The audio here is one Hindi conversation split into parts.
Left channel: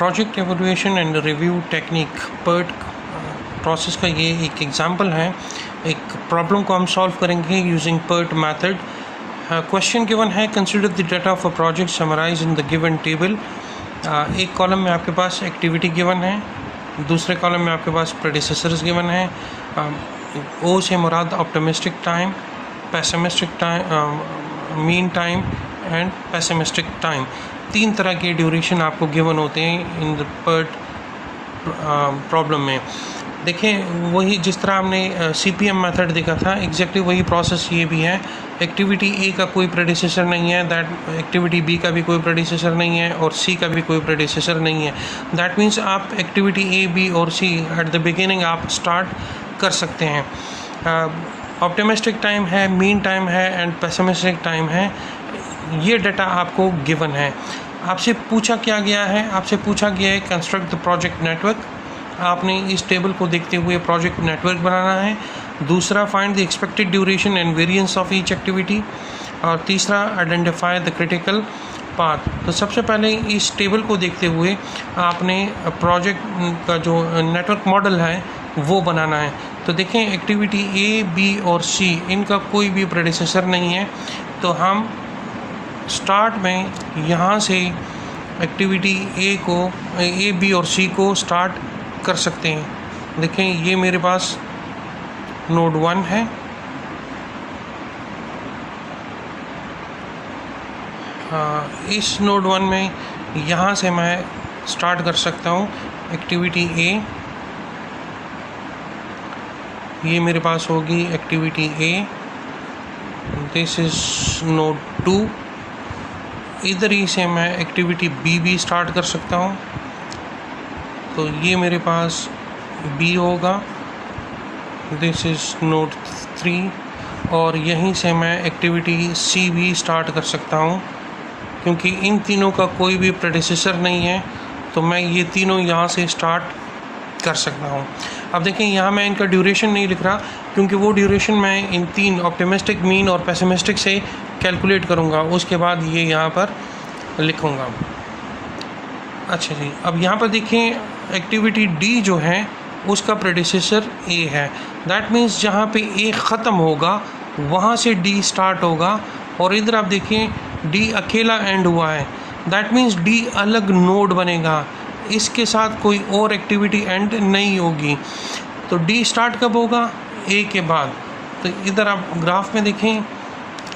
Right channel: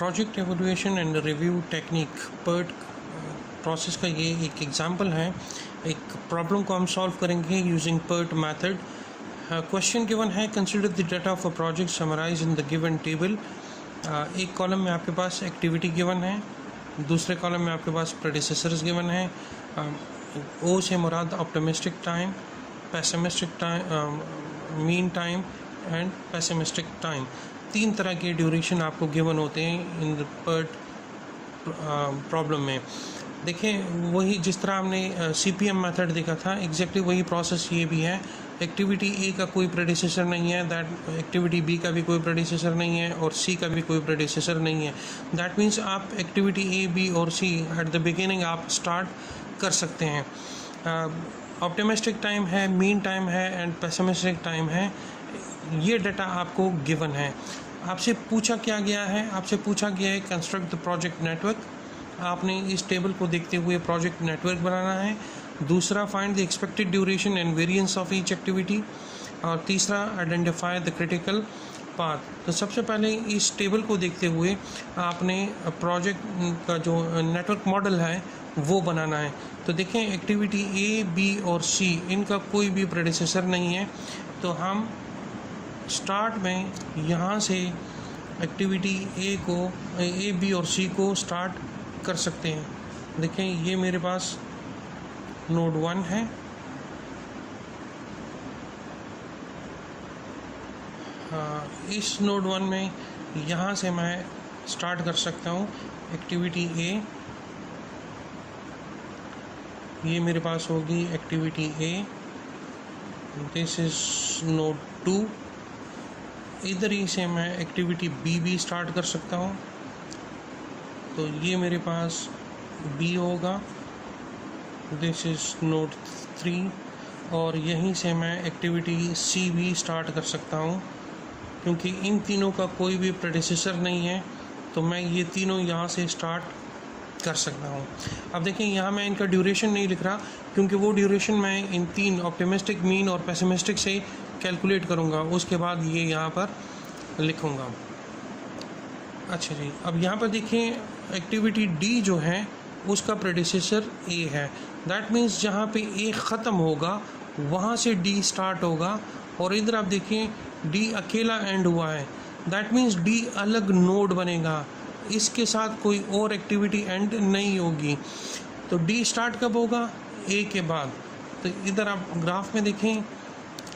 Project evolution and review technique PERT process का ये एक एग्जांपल है। एक प्रॉब्लम को हम सॉल्व करेंगे using PERT method. Question given है, consider the data of a project summarised in the given table. एक कॉलम में आपके पास एक्टिविटी गिवन है, दूसरे कॉलम में आपके पास प्रेडिसेसर्स गिवन है। ओ से मुराद optimistic time, pessimistic time, mean time and pessimistic time. 3 तरह के ड्यूरेशन आपको गिवन होते हैं इन द PERT प्रॉब्लम में। देखें, वही जिस तरह हमने CPM मेथड देखा था, एग्जैक्टली वही प्रोसेस ये भी है। एक्टिविटी A का कोई प्रेडिसेसर नहीं है, दैट एक्टिविटी B का भी कोई प्रेडिसेसर नहीं है और C का भी कोई प्रेडिसेसर नहीं है। दैट मीन्स आप एक्टिविटी A, B और C एट द बिगिनिंग आप स्टार्ट कर सकते हैं। ऑप्टिमिस्टिक टाइम है, मीन टाइम है एंड पेसिमिस्टिक टाइम है। ये डाटा आपको गिवन है। आपसे पूछा क्या गया है? आपसे पूछा गया है कंस्ट्रक्ट द प्रोजेक्ट नेटवर्क। आपने इस टेबल को देखते हुए प्रोजेक्ट नेटवर्क बनाना है। दूसरा, find the expected duration and variance of each activity. और तीसरा, आइडेंटिफाई द क्रिटिकल पाथ। तो सबसे पहले इस टेबल को देखते हुए आपने प्रोजेक्ट का जो नेटवर्क मॉडल है वो बनाना है। तो देखें, एक्टिविटी A, B और C इनका कोई भी प्रेडिसेसर नहीं है। तो हम स्टार्ट में यहाँ से एक्टिविटी A, B और C को स्टार्ट कर सकते हैं। देखें, ये मेरे पास नोड 1 है, इस नोड 1 में यहाँ से मैं स्टार्ट कर सकता हूँ एक्टिविटी A। ये मेरे पास होगी activity A, this is node 2। इधर ही से मैं एक्टिविटी B भी स्टार्ट कर सकता हूँ। तो ये मेरे पास B होगा, दिस इज़ नोड 3। और यहीं से मैं एक्टिविटी C भी स्टार्ट कर सकता हूँ। क्योंकि इन तीनों का कोई भी प्रेडिसेसर नहीं है तो मैं ये तीनों यहाँ से स्टार्ट कर सकता हूँ। अब देखें, यहाँ मैं इनका ड्यूरेशन नहीं लिख रहा क्योंकि वो ड्यूरेशन मैं इन 3 ऑप्टिमिस्टिक, मीन और पेसिमिस्टिक से कैलकुलेट करूँगा, उसके बाद ये यहाँ पर लिखूँगा। अच्छा जी, अब यहाँ पर देखें, एक्टिविटी D जो है उसका प्रेडिसेसर A है। दैट मीन्स जहाँ पे A ख़त्म होगा वहाँ से D स्टार्ट होगा। और इधर आप देखें, D अकेला एंड हुआ है। दैट मीन्स D अलग नोड बनेगा, इसके साथ कोई और एक्टिविटी एंड नहीं होगी। तो D स्टार्ट कब होगा? A के बाद। तो इधर आप ग्राफ में देखें,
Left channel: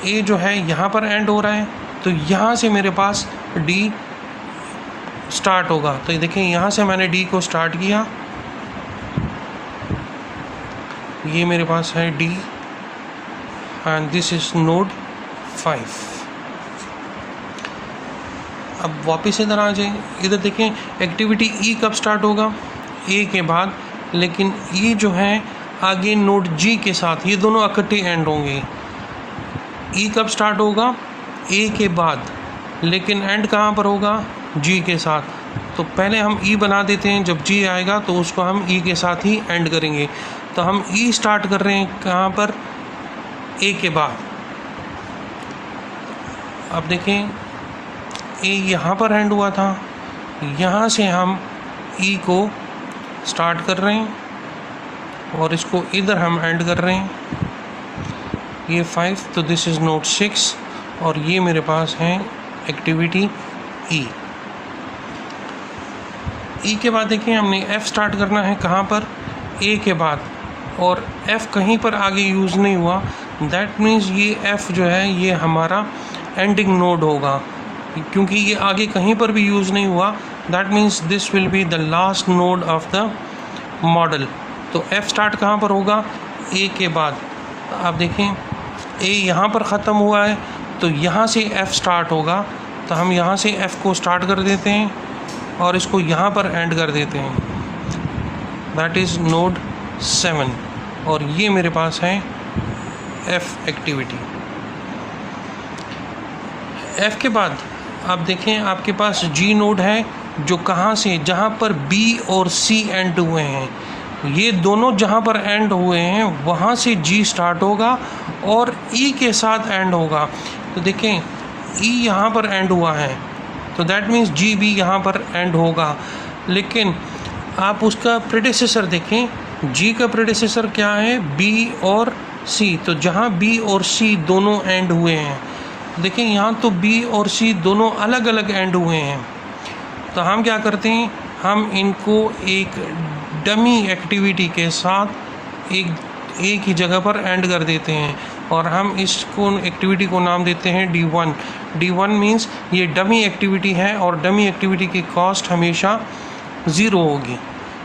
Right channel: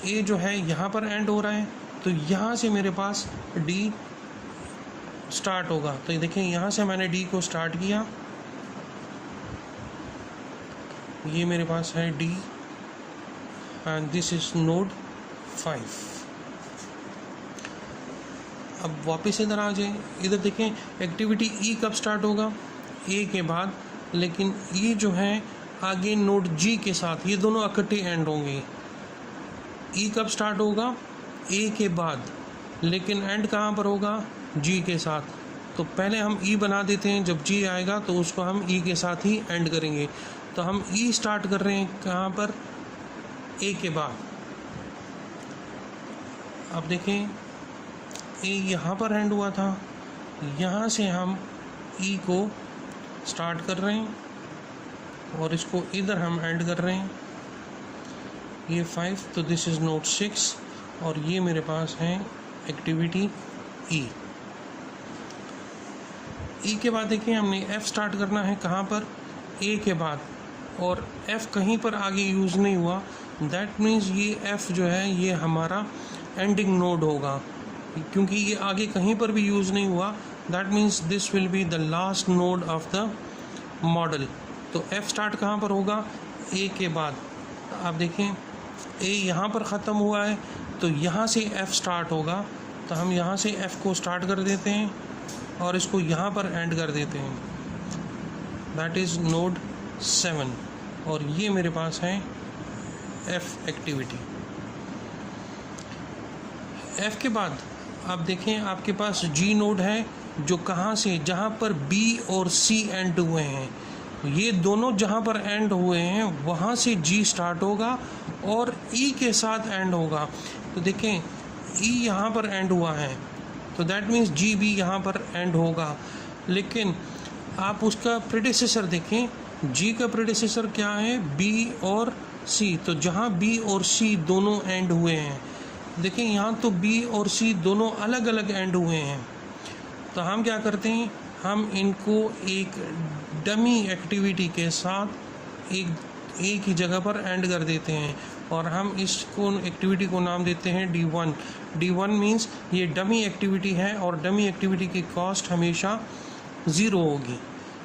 A जो है यहाँ पर एंड हो रहा है, तो यहाँ से मेरे पास D स्टार्ट होगा। तो ये देखें, यहाँ से मैंने D को स्टार्ट किया, ये मेरे पास है D and this is node 5। अब वापस इधर आ जाए, इधर देखें, एक्टिविटी E कब स्टार्ट होगा? A के बाद। लेकिन E जो है आगे नोड G के साथ, ये दोनों इकट्ठे एंड होंगे। E कब स्टार्ट होगा? A के बाद। लेकिन एंड कहाँ पर होगा? G के साथ। तो पहले हम E बना देते हैं, जब G आएगा तो उसको हम E के साथ ही एंड करेंगे। तो हम E स्टार्ट कर रहे हैं कहाँ पर? A के बाद। अब देखें, A यहाँ पर एंड हुआ था, यहाँ से हम E को स्टार्ट कर रहे हैं और इसको इधर हम एंड कर रहे हैं, ये 5। तो दिस इज़ नोड 6 और ये मेरे पास है एक्टिविटी E। E के बाद देखें, हमने F स्टार्ट करना है कहाँ पर? A के बाद। और F कहीं पर आगे यूज़ नहीं हुआ, दैट मीन्स ये F जो है ये हमारा एंडिंग नोड होगा। क्योंकि ये आगे कहीं पर भी यूज़ नहीं हुआ, that means this will be the last node of the model. तो F स्टार्ट कहाँ पर होगा? A के बाद। आप देखें, A यहाँ पर ख़त्म हुआ है तो यहाँ से F स्टार्ट होगा। तो हम यहाँ से F को स्टार्ट कर देते हैं और इसको यहाँ पर एंड कर देते हैं, दैट इज़ नोड 7। और ये मेरे पास है F एक्टिविटी। F के बाद आप देखें, आपके पास G नोड है जो कहाँ से, जहाँ पर B और C एंड हुए हैं। ये दोनों जहाँ पर एंड हुए हैं वहाँ से G स्टार्ट होगा और E के साथ एंड होगा। तो देखें, E यहाँ पर एंड हुआ है तो दैट मीन्स जी भी यहाँ पर एंड होगा। लेकिन आप उसका प्रेडिसेसर देखें, जी का प्रेडिसेसर क्या है, बी और सी। तो जहाँ बी और सी दोनों एंड हुए हैं, देखिए यहाँ तो बी और सी दोनों अलग अलग एंड हुए हैं, तो हम क्या करते हैं, हम इनको एक डमी एक्टिविटी के साथ एक ही जगह पर एंड कर देते हैं और हम इसको एक्टिविटी को नाम देते हैं D1। D1 मीन्स ये डमी एक्टिविटी है और डमी एक्टिविटी की कॉस्ट हमेशा 0 होगी।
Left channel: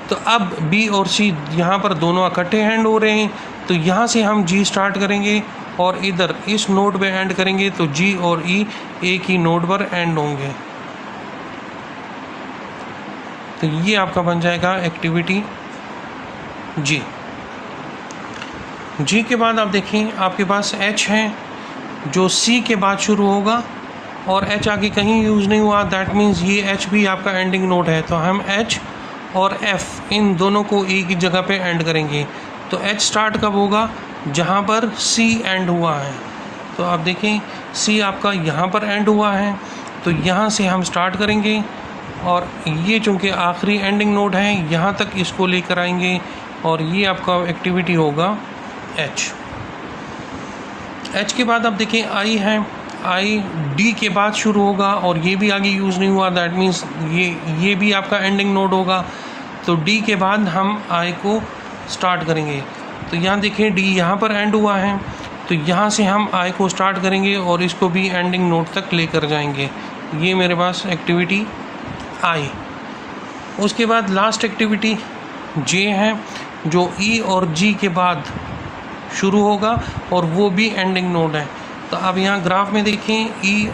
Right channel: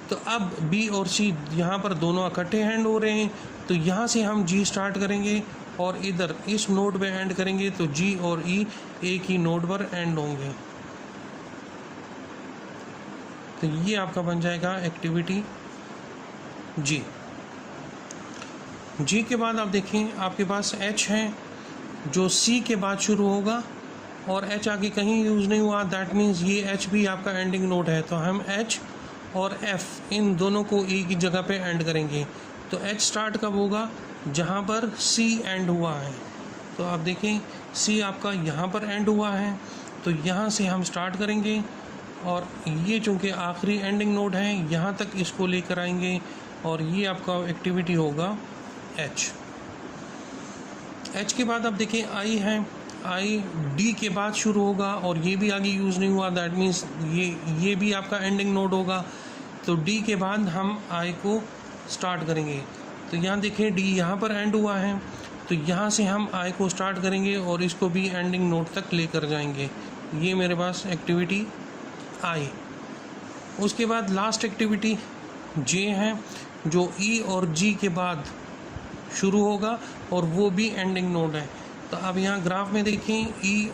तो अब बी और सी यहाँ पर दोनों इकट्ठे एंड हो रहे हैं, तो यहाँ से हम जी स्टार्ट करेंगे और इधर इस नोड पे एंड करेंगे, तो जी और ई एक ही नोड पर एंड होंगे। तो ये आपका बन जाएगा एक्टिविटी जी। जी के बाद आप देखें आपके पास एच है जो सी के बाद शुरू होगा और एच आगे कहीं यूज़ नहीं हुआ, दैट मीन्स ये एच भी आपका एंडिंग नोड है। तो हम एच और एफ इन दोनों को एक ही जगह पे एंड करेंगे। तो एच स्टार्ट कब होगा, जहाँ पर सी एंड हुआ है। तो आप देखें सी आपका यहाँ पर एंड हुआ है, तो यहाँ से हम स्टार्ट करेंगे और ये चूँकि आखिरी एंडिंग नोड है, यहाँ तक इसको लेकर आएंगे और ये आपका एक्टिविटी होगा एच। एच के बाद आप देखें आई है, आई डी के बाद शुरू होगा और ये भी आगे यूज़ नहीं हुआ, दैट मीन्स ये भी आपका एंडिंग नोड होगा। तो डी के बाद हम आई को स्टार्ट करेंगे। तो यहाँ देखें डी यहाँ पर एंड हुआ है, तो यहाँ से हम आई को स्टार्ट करेंगे और इसको भी एंडिंग नोड तक लेकर जाएंगे। ये मेरे पास एक्टिविटी आई। उसके बाद लास्ट एक्टिविटी जे है जो ई और जी के बाद शुरू होगा और वो भी एंडिंग नोड है। तो अब यहाँ ग्राफ में देखें ई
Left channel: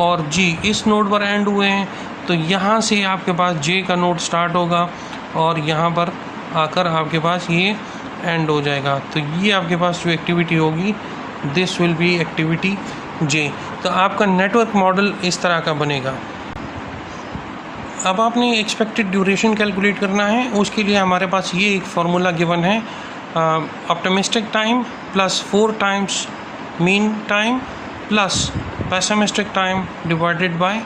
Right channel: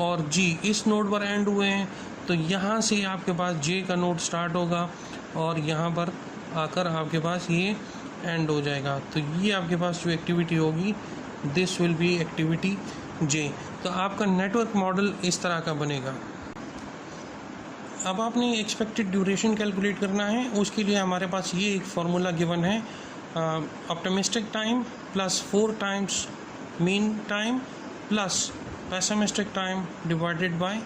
और जी इस नोड पर एंड हुए हैं, तो यहाँ से आपके पास जे का नोड स्टार्ट होगा और यहाँ पर आकर आपके पास ये एंड हो जाएगा। तो ये आपके पास जो एक्टिविटी होगी दिस विल बी एक्टिविटी जे। तो आपका नेटवर्क मॉडल इस तरह का बनेगा। अब आपने एक्सपेक्टेड ड्यूरेशन कैलकुलेट करना है, उसके लिए हमारे पास ये एक फार्मूला गिवन है, optimistic time plus 4 times mean time plus pessimistic time divided by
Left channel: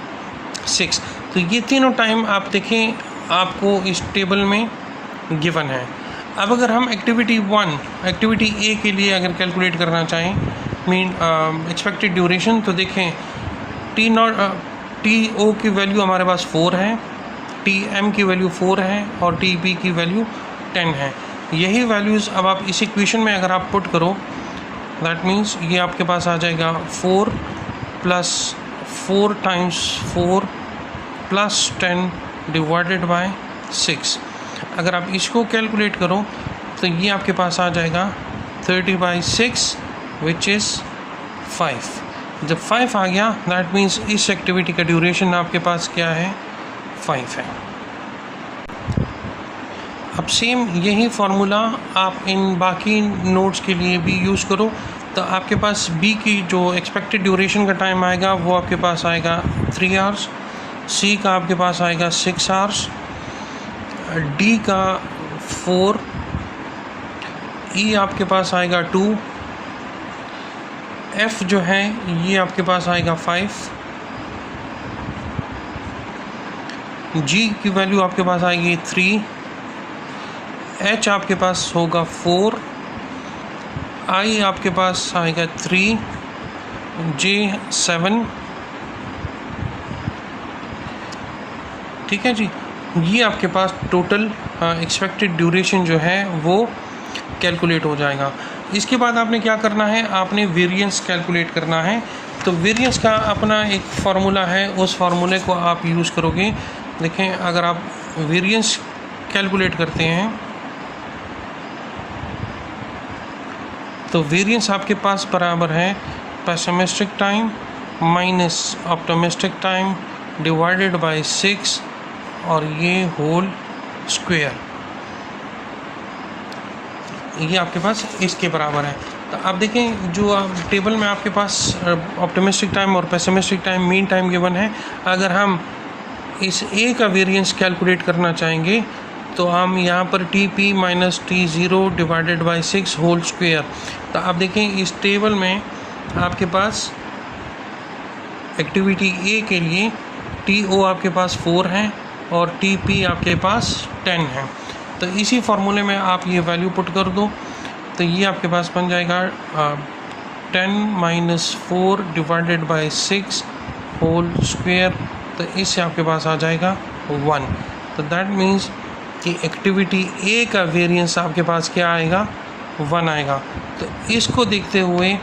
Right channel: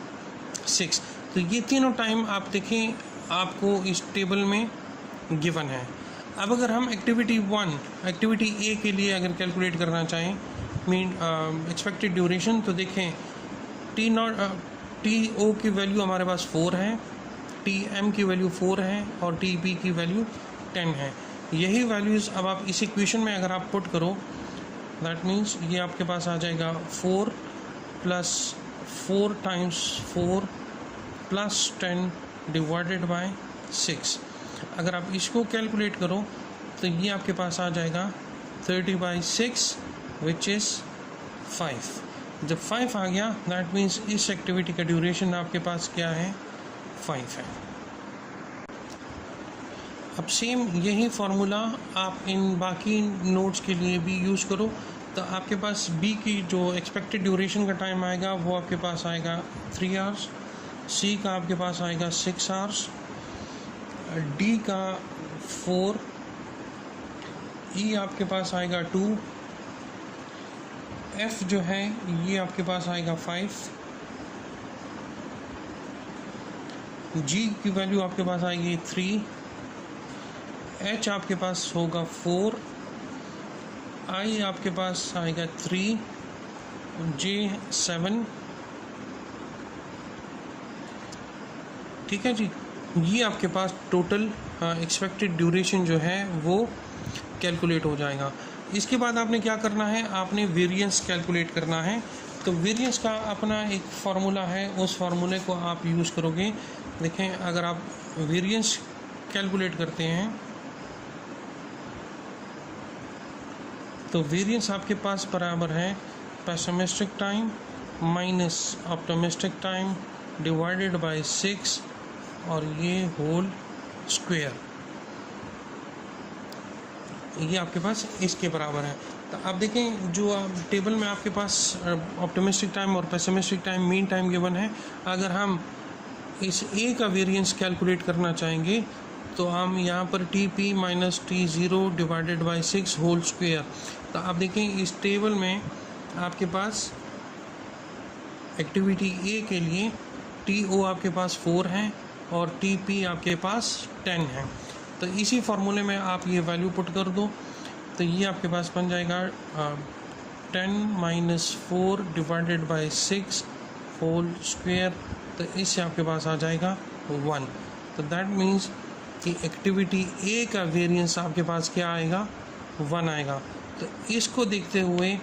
6। तो ये तीनों टाइम आप देखें आपको इस टेबल में गिवन है। अब अगर हम एक्टिविटी 1 एक्टिविटी ए के लिए अगर कैलकुलेट करना चाहें मीन एक्सपेक्टेड ड्यूरेशन, तो देखें टी ओ की वैल्यू हमारे पास 4 है, टी एम की वैल्यू 4 है और टी पी की वैल्यू 10 है। यही वैल्यूज़ अब आप इस इक्वेशन में अगर आप पुट करो, दैट मीन्स ये आपके पास आ जाएगा 4 plus 4 times 4 plus 10 divided by 6। अगर आप इसको कैलकुलेट करो तो ये आपके पास आ जाएगा 30/6 विच इज़ 5। जब 5 आ गया दैट मीन्स इस एक्टिविटी का ड्यूरेशन आपके पास क्या है, 5 है। अब सेम यही फार्मूला आप इन बाकी नोड्स के लिए भी यूज़ करो। तो आपके पास बी की जो एक्सपेक्टेड ड्यूरेशन का टाइम आएगा वो आपके पास आएगा 3 आवर्स, सी का आपके पास आएगा 6 आवर्स, डी का 4, ई आपके पास आएगा 2, एफ जो है ये आपके पास आएगा 5, जी की वैल्यू आपके पास आएगी 3, एच आपके पास होगा 4, आई आपके पास आएगा 3, जे 7। ठीक है जी, ये आपके पास टोटल एक्सपेक्टेड ड्यूरेशन जो है वो कैलकुलेट हो जाएगा। इसके बाद आपने क्या करना है, आपने वेरिएंस कैलकुलेट करना है। तो वेरिएंस का अपना एक फार्मूला है, उस फार्मूले को आप यूज़ करोगे। देखें अगर आप वेरिएंस कैलकुलेट करते हैं तो वेरिएंस आपके पास बराबर है pessimistic time minus optimistic time divided by 6 और ये होल स्क्वायर, ये आपके पास इसके बराबर है। तो आप देखें जो आप टेबल में आपके पास ऑप्टिमिस्टिक टाइम और pessimistic time mean time given है, अगर हम इस ए का वेरिएंस कैलकुलेट करना चाहेंगे तो हम यहाँ पर T P minus T zero divided by 6 whole square. तो आप देखें इस टेबल में आपके पास एक्टिविटी ए के लिए TO आपके पास 4 है और TP आपके पास 10 है। तो इसी फार्मूले में आप ये वैल्यू पुट कर दो, तो ये आपके पास बन जाएगा 10 - 4 डिवाइडेड बाय 6 होल स्क्वायर। तो इससे आपके पास आ जाएगा 1। तो दैट मीन्स कि एक्टिविटी A का वेरिएंस आपके पास क्या आएगा, 1 आएगा। तो इसको देखते हुए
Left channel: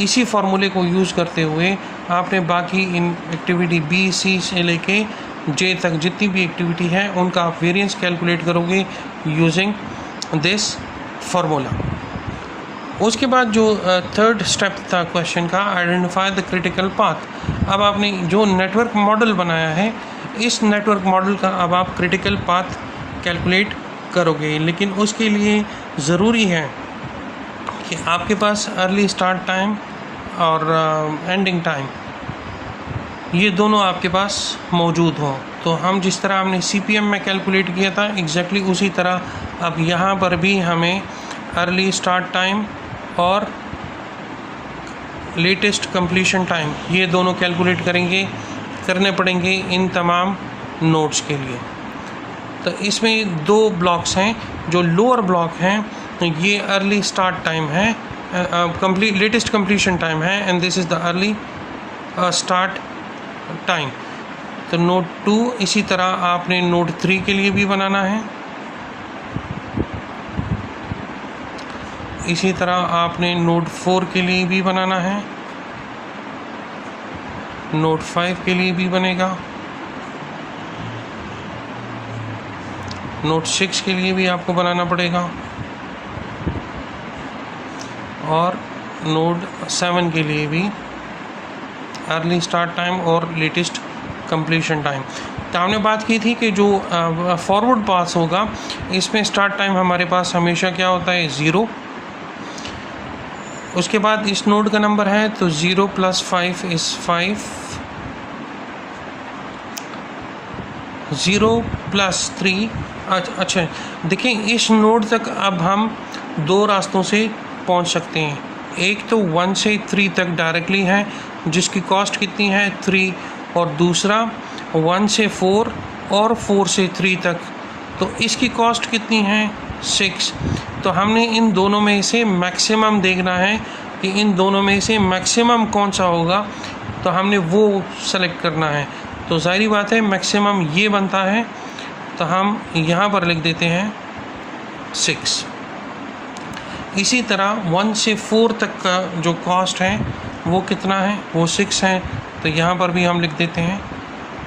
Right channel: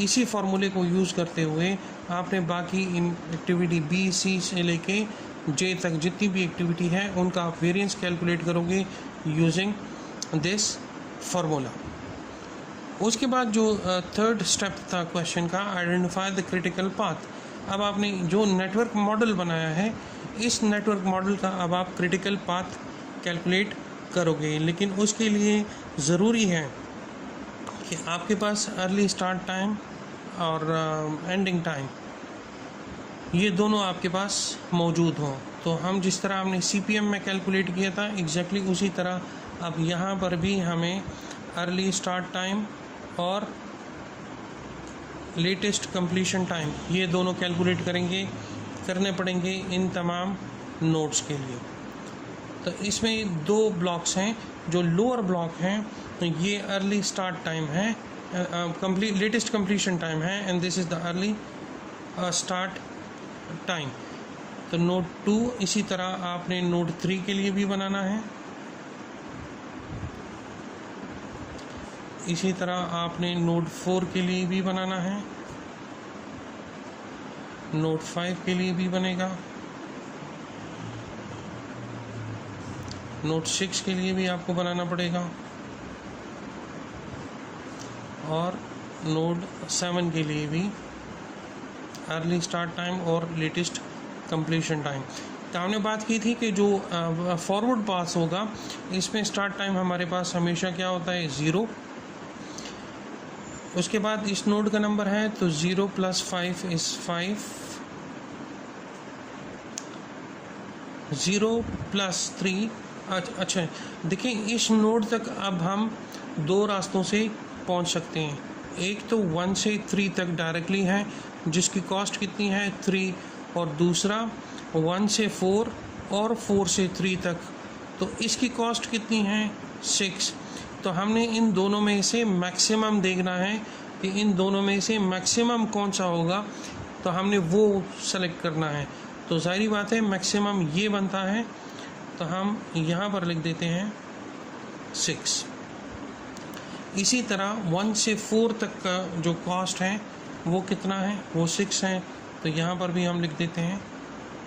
इसी फार्मूले को यूज़ करते हुए आपने बाकी इन एक्टिविटी B, C से लेके J तक जितनी भी एक्टिविटी है उनका आप वेरिएंस कैलकुलेट करोगे यूजिंग दिस फार्मूला। उसके बाद जो थर्ड स्टेप था क्वेश्चन का, आइडेंटिफाई द क्रिटिकल पाथ। अब आपने जो नेटवर्क मॉडल बनाया है, इस नेटवर्क मॉडल का अब आप क्रिटिकल पाथ कैलकुलेट करोगे, लेकिन उसके लिए ज़रूरी है कि आपके पास अर्ली स्टार्ट टाइम और एंडिंग टाइम ये दोनों आपके पास मौजूद हो। तो हम जिस तरह हमने CPM में कैलकुलेट किया था एग्जैक्टली उसी तरह अब यहाँ पर भी हमें अर्ली स्टार्ट टाइम और लेटेस्ट कंप्लीशन टाइम ये दोनों कैलकुलेट करने पड़ेंगे इन तमाम नोड्स के लिए। तो इसमें 2 ब्लॉक्स हैं। जो लोअर ब्लॉक हैं ये अर्ली स्टार्ट टाइम है, लेटेस्ट कंप्लीशन टाइम है, and this is the early start time. तो नोड 2 इसी तरह आपने नोड 3 के लिए भी बनाना है, इसी तरह आपने नोड 4 के लिए भी बनाना है, नोड 5 के लिए भी बनेगा, नोड 6 के लिए भी आपको बनाना पड़ेगा, और नोड 7 के लिए भी अर्ली स्टार्ट टाइम और लेटेस्ट कंप्लीशन टाइम। तो हमने बात की थी कि जो फॉरवर्ड पास होगा इसमें स्टार्ट टाइम हमारे पास हमेशा क्या होता है, 0। उसके बाद इस नोड का नंबर है तो 0 + 5 = 5, 0 + 3। अच्छा देखिए, इस नोड तक अब हम 2 रास्तों से पहुंच सकते हैं। एक तो 1 से 3 तक डायरेक्टली है जिसकी कॉस्ट कितनी है, 3, और दूसरा 1 से 4 और 4 से 3 तक, तो इसकी कॉस्ट कितनी है, 6। तो हमने इन दोनों में से मैक्सिमम देखना है कि इन दोनों में से मैक्सिमम कौन सा होगा, तो हमने वो सेलेक्ट करना है। तो ज़ाहिर बात है मैक्सिमम ये बनता है, तो हम यहाँ पर लिख देते हैं 6। इसी तरह 1 से 4 तक का जो कॉस्ट है वो कितना है, वो 6 है, तो यहाँ पर भी हम लिख देते हैं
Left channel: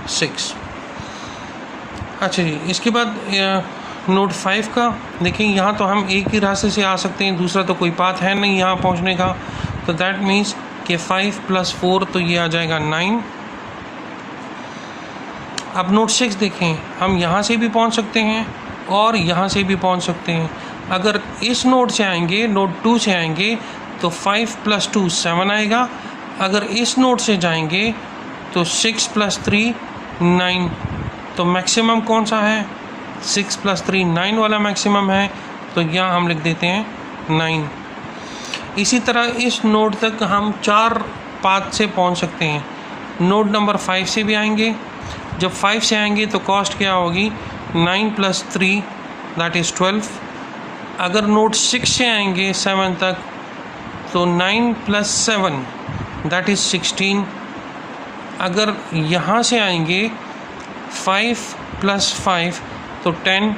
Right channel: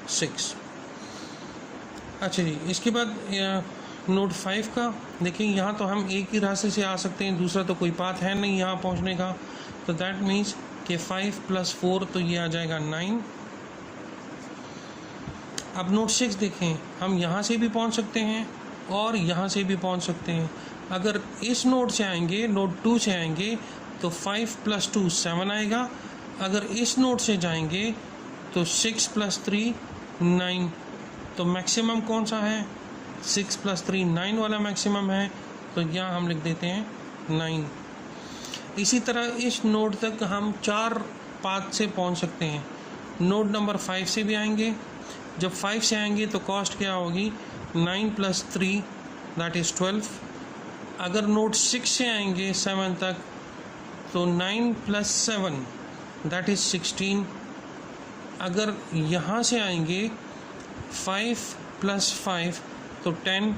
6। अच्छा जी, इसके बाद नोड 5 का देखिए, यहाँ तो हम एक ही रास्ते से आ सकते हैं, दूसरा तो कोई पाथ है नहीं यहाँ पहुँचने का। तो दैट मीन्स कि 5 + 4 तो ये आ जाएगा 9। अब नोड 6 देखें, हम यहाँ से भी पहुँच सकते हैं और यहाँ से भी पहुँच सकते हैं। अगर इस नोड से आएंगे, नोड 2 से आएंगे तो 5 + 2 7 आएगा। अगर इस नोड से जाएंगे तो 6 + 3 9। तो मैक्सिमम कौन सा है, 6 + 3 9 वाला मैक्सिमम है, तो यहाँ हम लिख देते हैं 9। इसी तरह इस नोड तक हम 4 पाथ से पहुँच सकते हैं। नोड नंबर 5 से भी आएंगे, जब 5 से आएंगे तो कॉस्ट क्या होगी, 9 + 3 दैट इज़ 12। अगर नोड 6 से आएंगे 7 तक तो 9 + 7 दैट इज़ 16। अगर यहाँ से आएंगे 5 + 5 तो 10।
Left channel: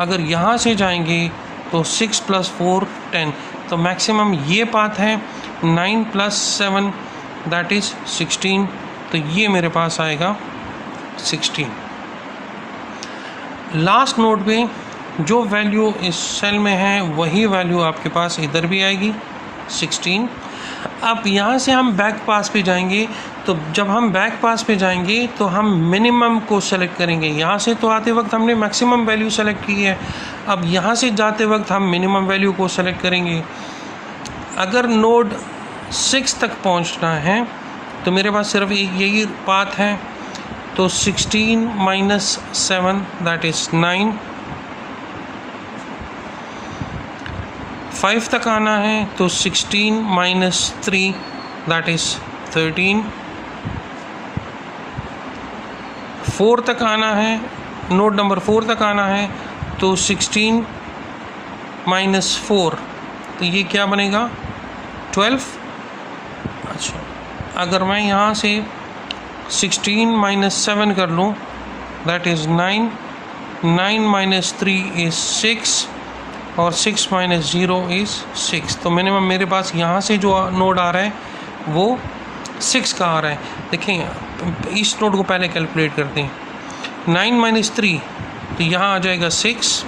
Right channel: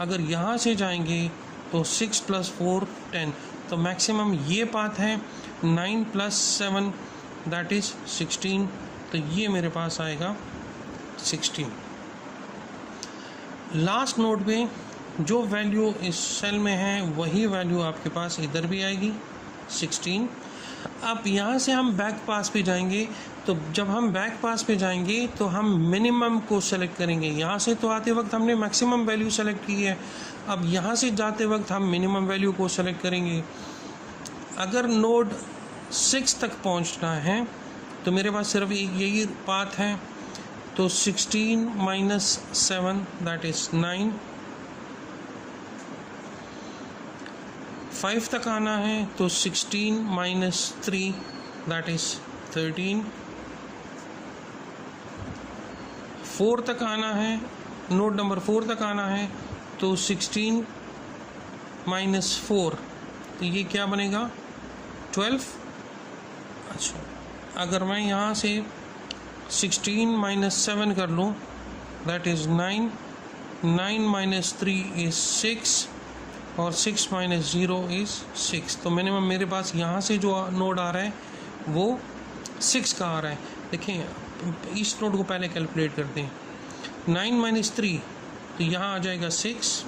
अगर यहाँ से जाएंगे तो 6 + 4 10। तो मैक्सिमम ये पाथ है 9 + 7 दैट इज़ 16। तो ये मेरे पास आएगा 16। लास्ट नोड पे जो वैल्यू इस सेल में है वही वैल्यू आपके पास इधर भी आएगी 16। अब यहाँ से हम बैक पास पे जाएंगे, तो जब हम बैक पास पे जाएंगे तो हम मिनिमम को सेलेक्ट करेंगे। यहाँ से तो आते वक्त हमने मैक्सिमम वैल्यू सेलेक्ट की है, अब यहाँ से जाते वक्त हम मिनिमम वैल्यू को सेलेक्ट करेंगे। अगर नोड 6 तक पहुँचना है तो मेरे पास सिर्फ एक यही पाथ है, तो 16 - 7 दैट इज़ 9। 5 तक आना है तो 16 - 3 दैट इज़ 13। 4 तक आना है, नोड नंबर 4 तक आना है, तो 16 माइनस 4, तो ये क्या बनेगा 12। अच्छा, अगर मैं यहाँ से 16 माइनस 7 कर लूँ, दैट इज़ 9, 9 माइनस 3 इज़ 6 और 6 माइनस 0 इज़ 6। तो मिनिमम मेरे पास यहाँ से जो नोड आ रहा है वो 6 का आ रहा है। देखें इस नोड को पहले कैलकुलेट करते हैं। 9 माइनस 3, तो यहाँ आ जाएगा 6।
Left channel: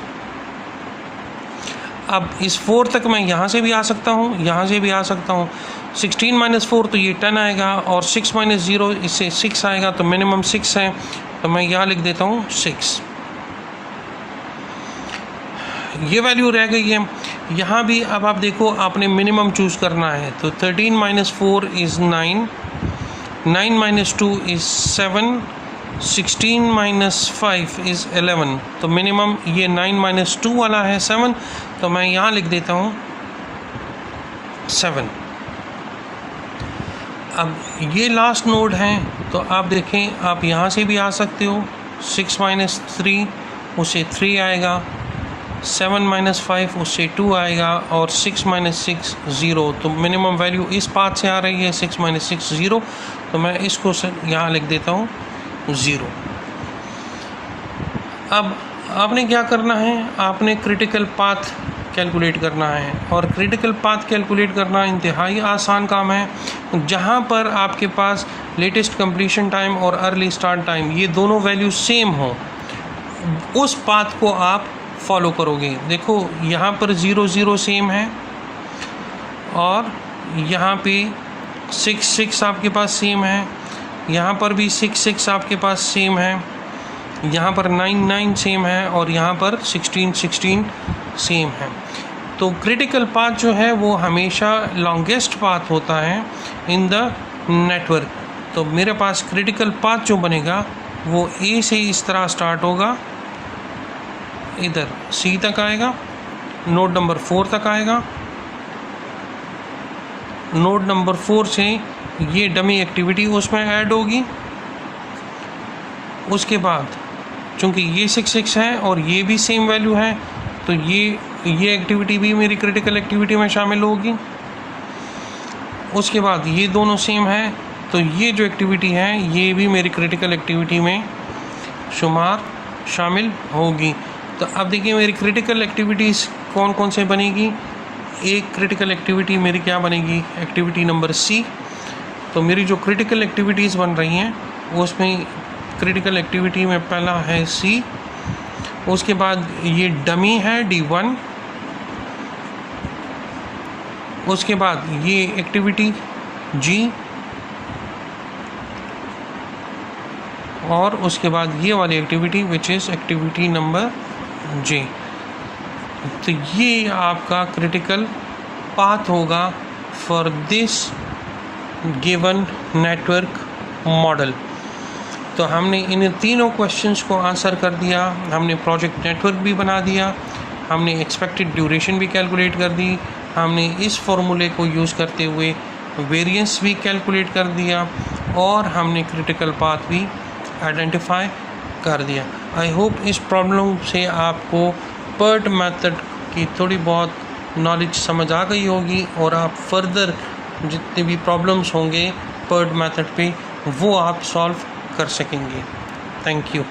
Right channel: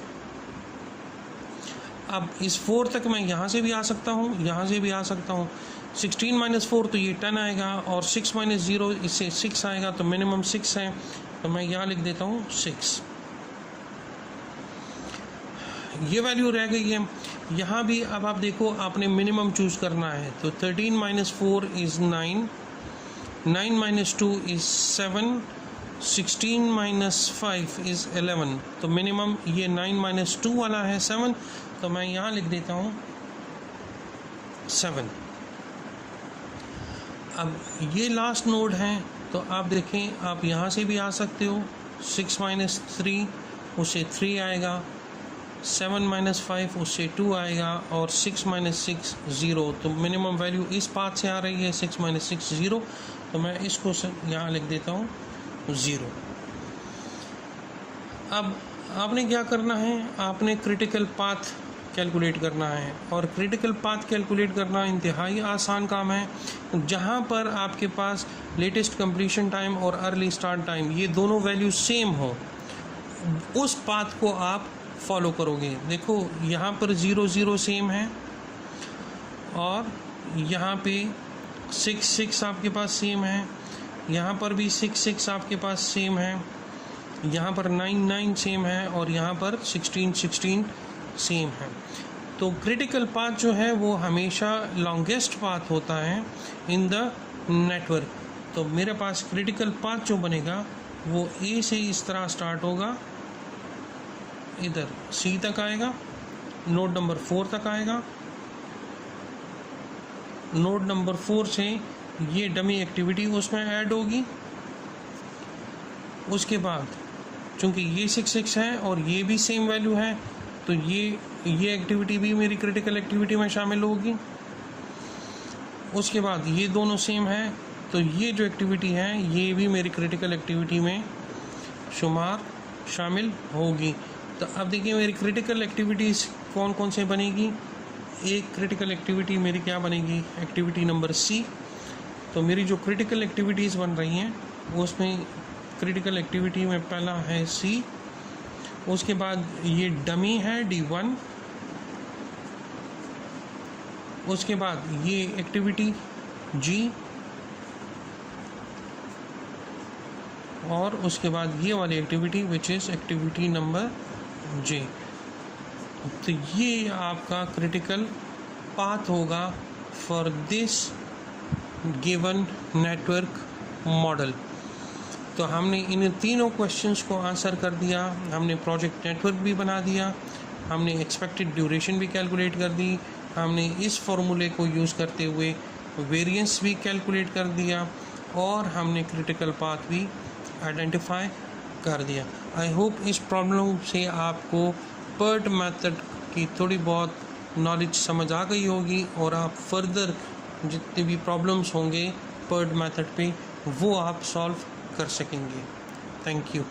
अब इस 4 तक मैं यहाँ से भी आ सकता हूँ, यहाँ से भी आ सकता हूँ। 16 माइनस 4 तो ये 10 आएगा, और 6 माइनस 0 इससे 6 आएगा, तो मिनिमम 6 है, तो मैं यहाँ लिख देता हूँ 6। ये वैल्यू रह गई है। यहाँ भी अब आप देखो, आपने मिनिमम चूज़ करना है, तो 13 minus 4 is 9, 9 minus 2 is 7, 16 minus 5 is 11, तो मिनिमम ये 9 माइनस 2 वाला है 7, तो मैं यहाँ लिख देता हूँ 7। अब ये लास्ट नोड है, तो आप देखें आप यहाँ से भी आ सकते हो। 6 माइनस 3 उससे 3 आएगा, 7 माइनस 5 उससे 2 आएगा, और 6 माइनस 6 0, तो मिनिमम वैल्यू इस पाथ से आ रही है 6 माइनस 6 0, तो मैं इसको यहाँ लिख देता हूँ 0। अब आपने क्या करना है, आपने क्रिटिकल पाथ कैलकुलेट करना है, और क्रिटिकल पाथ कैलकुलेट करना इंतहाई आसान काम है। जहाँ पर आपके पास लेटेस्ट कंप्लीशन टाइम और अर्ली स्टार्ट टाइम ये दोनों वैल्यू सेम हो, उस पाथ को आप फॉलो करोगे। देखो यहाँ पर 0 0 सेम है, और यहाँ पे 6 6 आपके पास सेम है, यहाँ पर भी 6 6 आपके पास सेम है, यहाँ पर 9 9 सेम है, और यहाँ पर 16 16 सेम है। तो क्रिटिकल पाथ जो है वो हमेशा लॉन्गेस्ट पाथ होता है इन द नेटवर्क। तो मेरे पास क्रिटिकल पाथ जो बनेगा वो ए से इस तरह स्टार्ट होगा, इधर सी तक आएगा, नोड नंबर 4 तक आएगा, नोड नंबर 4 से ये डमी एक्टिविटी उसमें ऐड होगी। उसके बाद चूँकि ये 6 6 है और ये भी सेम वैल्यू है, तो ये एक्टिविटी भी मेरी क्रिटिकल एक्टिविटी में शामिल होगी। उसके बाद ये दोनों सेम है, तो ये जो एक्टिविटी है ये भी मेरी क्रिटिकल एक्टिविटी में शामिल होगी। तो अब देखिए मेरी क्रिटिकल एक्टिविटीज़ कौन कौन से बनेगी। एक क्रिटिकल एक्टिविटी मेरी क्या बनेगी, एक्टिविटी नंबर सी। तो मेरी जो क्रिटिकल एक्टिविटीज़ बन रही हैं उसमें क्रिटिकल एक्टिविटी में पहला है सी, उसके बाद ये डमी है D1, उसके बाद ये एक्टिविटी जी, और उसके बाद ये वाली activity which is activity number J. तो ये आपका क्रिटिकल पाथ होगा for this given network model. तो हमने इन तीनों क्वेश्चंस को आंसर कर दिया, हमने प्रोजेक्ट नेटवर्क भी बना दिया, हमने एक्सपेक्टेड ड्यूरेशन भी कैलकुलेट कर दी, हमने इस फॉर्मूले को यूज़ करते हुए वेरिएंस भी कैलकुलेट कर दिया, और हमने क्रिटिकल पाथ भी आइडेंटिफाई कर दिया। आई होप इस प्रॉब्लम से आपको PERT मेथड की थोड़ी बहुत नॉलेज समझ आ गई होगी, और आप फर्दर जितने भी प्रॉब्लम्स होंगे PERT मेथड पे वो आप सॉल्व कर सकेंगे। Thank you.